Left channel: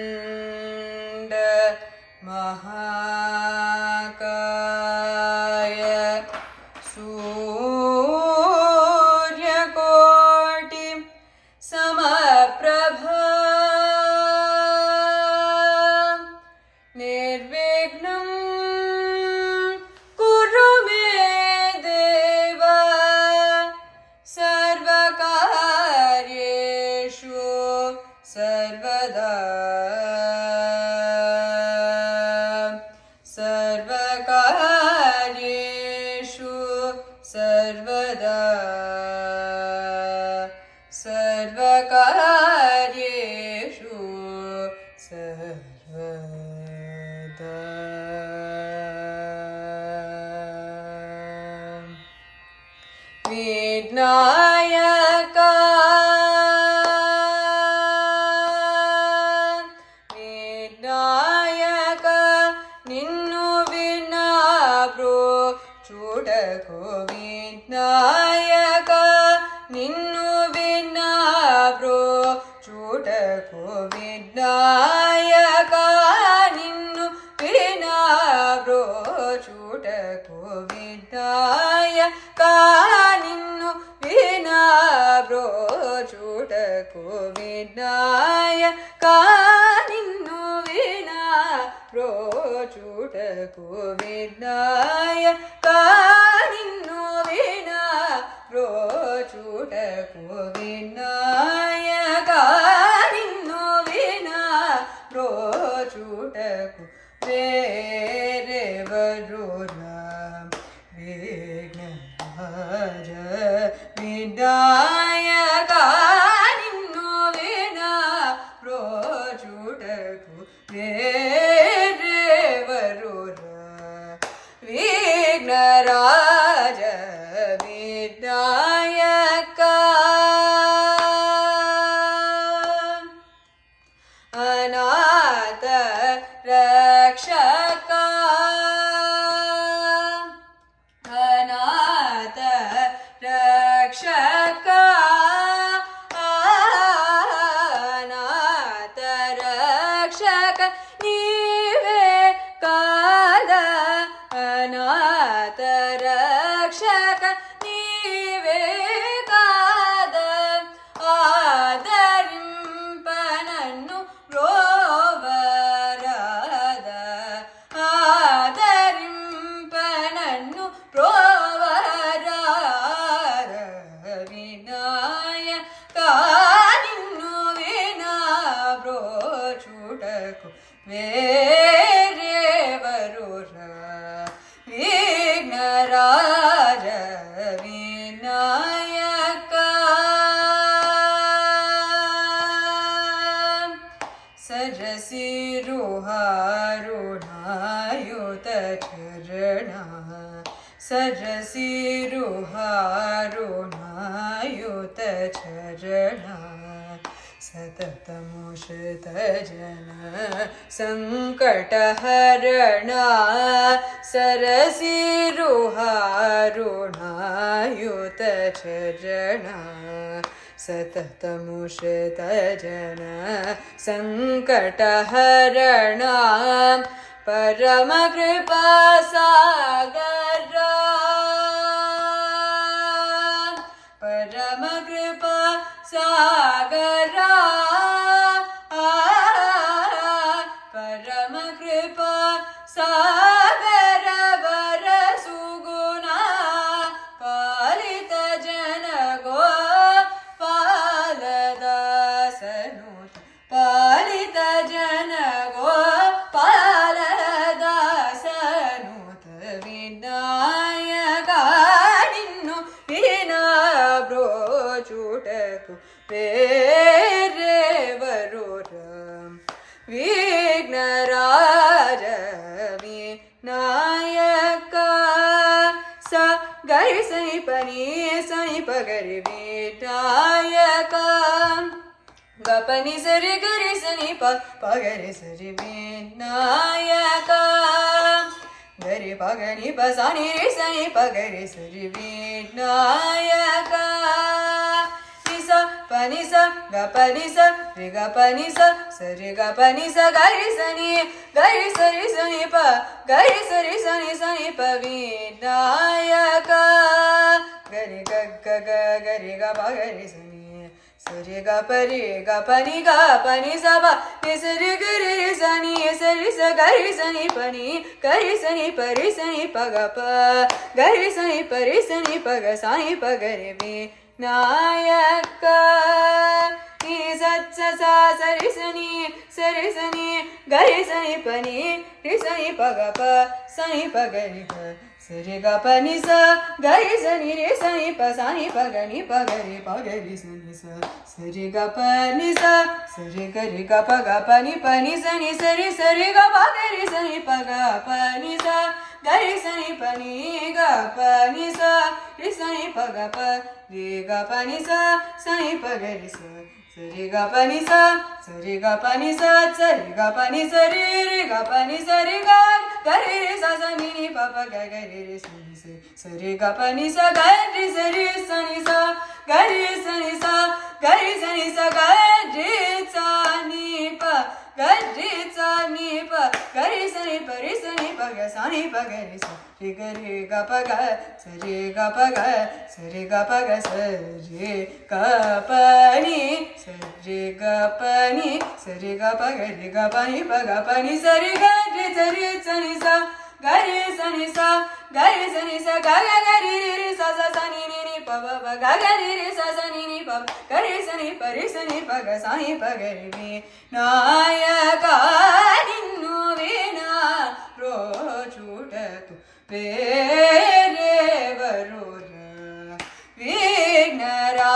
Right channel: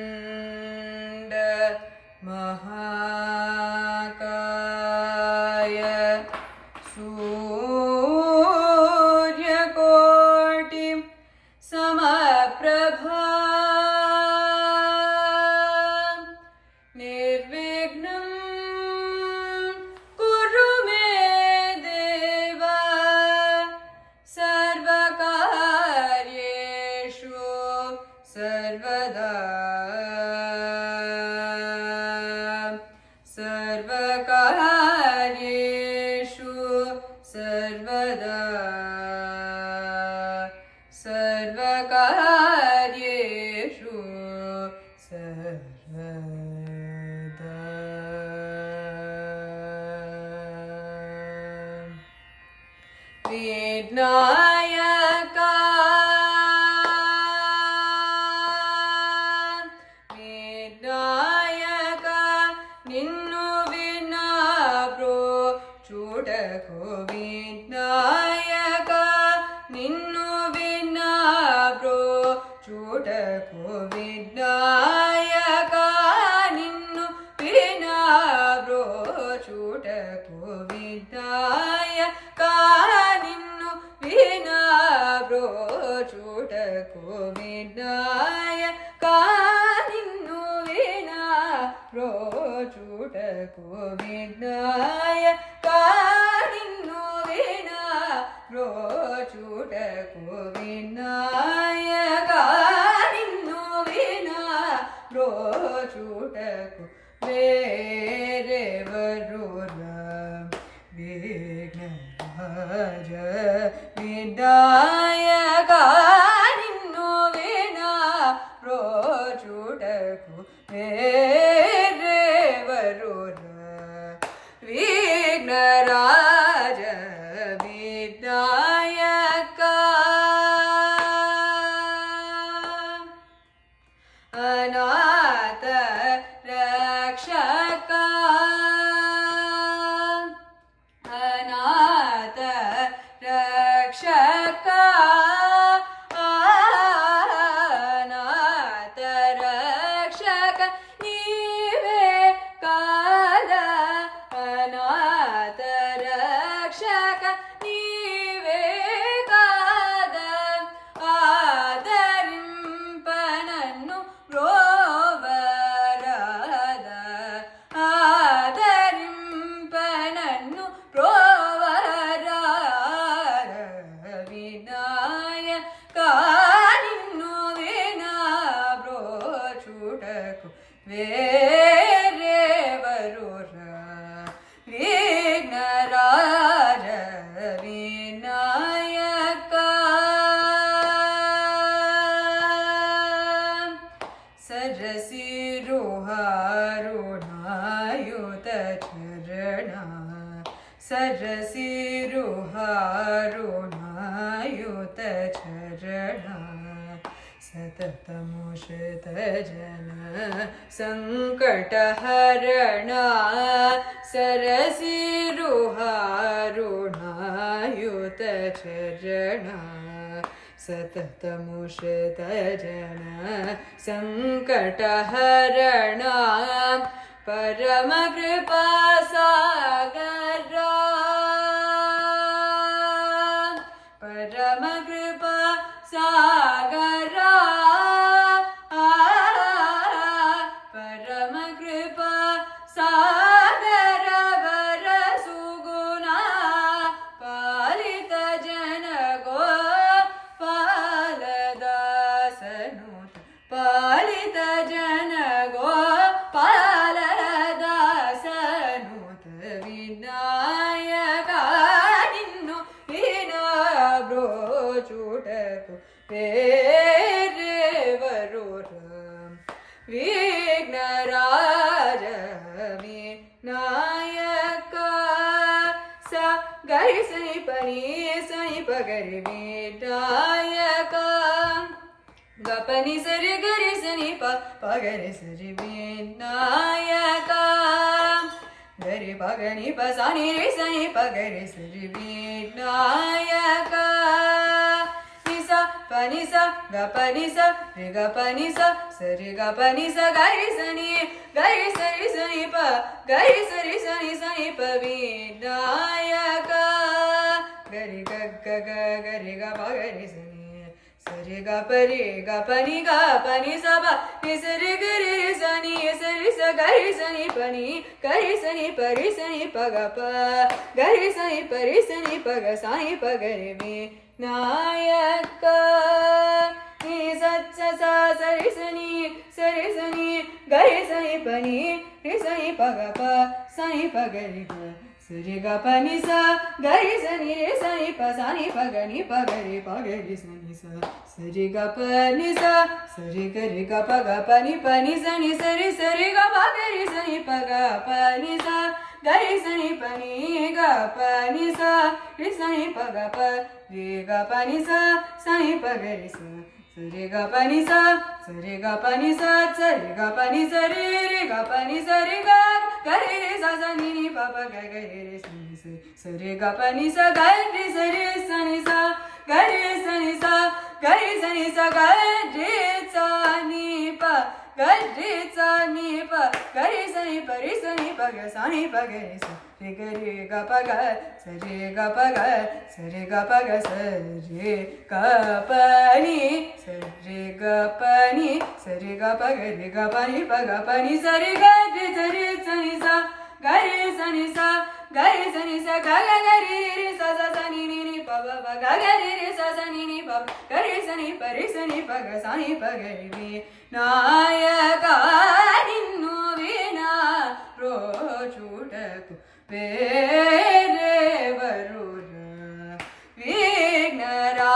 वक्रतुण्ड महाकाय सूर्यकोटि समप्रभा निर्विघ्नं कुरु मे देव सर्वकार्येषु सर्वदा सर्वकार्येषु सर्वदा सर्वकार्येषु सर्वदा विनायका చూడకు వినాయక నిన్ను వినా బ్రో చూడకు వినాయక నిన్ను వినా బ్రో చూడకు వినాయక నిన్ను వినా బ్రో చూడకు వినాయక నిన్ను వినా బ్రో చూడకు వినాయక నిన్ను వినా బ్రో చూడకు వినాయక నిన్ను వినా బ్రో చూడకు వేరెవరురా విఘ్నరాజ వినాయక నిన్ను వినా బ్రో చూడకు వేరెవరురా విఘ్నరాజ వినాయక అనాథ రక్షక అనాథ రక్షక అనాథ రక్షక నీవే కాద అనాథ రక్షక నీవే కాద ఆదరింపనన్ను రోవరాద ఆదరింపనన్ను రోవరాద వినాయక నిన్ను వినా బ్రో చూడకు వేరెవరురా విఘ్నరాజ వినాయక సరసిరుహారుణాయుత చరణ సరసిరుహారుణాయుత చరణ సతతముషిత జన సంకటహరణ సరసిరుహారుణాయుత చరణ సతతముషిత జన సంకటహరణ పరమ కృపా సాగర పరమ కృపా సాగర పరమ కృపా సాగర వర సుగుణ పాలిత జన గోపాలదాసనుత పాలిత జన గోపాలదాసనుత వినాయక నిన్ను వినా బ్రో చూడకు వేరెవరురా విఘ్నరాజ వినాయక స గరి సని పని సని పగరి వినాయక గపని సరి గరి సని పగరి సరి వినాయక గరి పగని పసని రి సని పగరి సరి వినాయక నిస ప ni sa ga pa ni sa re ga pa ni sa re ga pa ni sa ga ri sa ni pa ga ri sa ni pa vinayaka ga ri ga ga ga ga ri ga pa ga ri sa ni ga pa ni sa pa ni sa re ga ri sa ni ga ri sa ni pa ni ga ri sa ni pa ga pa ga ri sa ni pa ga sa ni pa ga ri vinayaka ni sa sa sa ri sa ni ga ri sa ni pa ni ri sa ni pa ga pa sa ni pa ga ri ga re ga pa ni sa ga ri sa ni re sa ni pa sa ni pa ga ri sa ni sa re ga pa ni sa re ga pa ni sa ni sa re ga pa ga ri sa ni pa ga pa ni sa ga ri sa ni pa ni ga pa ni sa ri sa ni pa ga pa re ga pa ni sa ni pa ga ri sa re ga pa ni sa re ga pa ni sa re ga pa ni sa re ga pa ni sa re ga ga re sa ni pa pa ga ga re sa ni sa re ga pa ni sa ga re sa ni sa ga re sa ni sa ga re sa ni sa ga re sa ni pa ga re sa ni pa ga re sa ni pa ga sa ni pa ga re sa re ga pa ga sa re ga pa ga sa re ga pa ga sa re ga pa ni sa re ga pa ni sa re ga pa ga re ga pa ni sa re ga re sa ni sa ga re sa ni sa ga re sa ni sa ga ga ga re sa sa ni ni pa pa ga ga re sa ni pa ga re sa ni pa ga sa ni pa ga re vinayaka ninnu vina rochutatu వేరెవరురా విఘ్నరా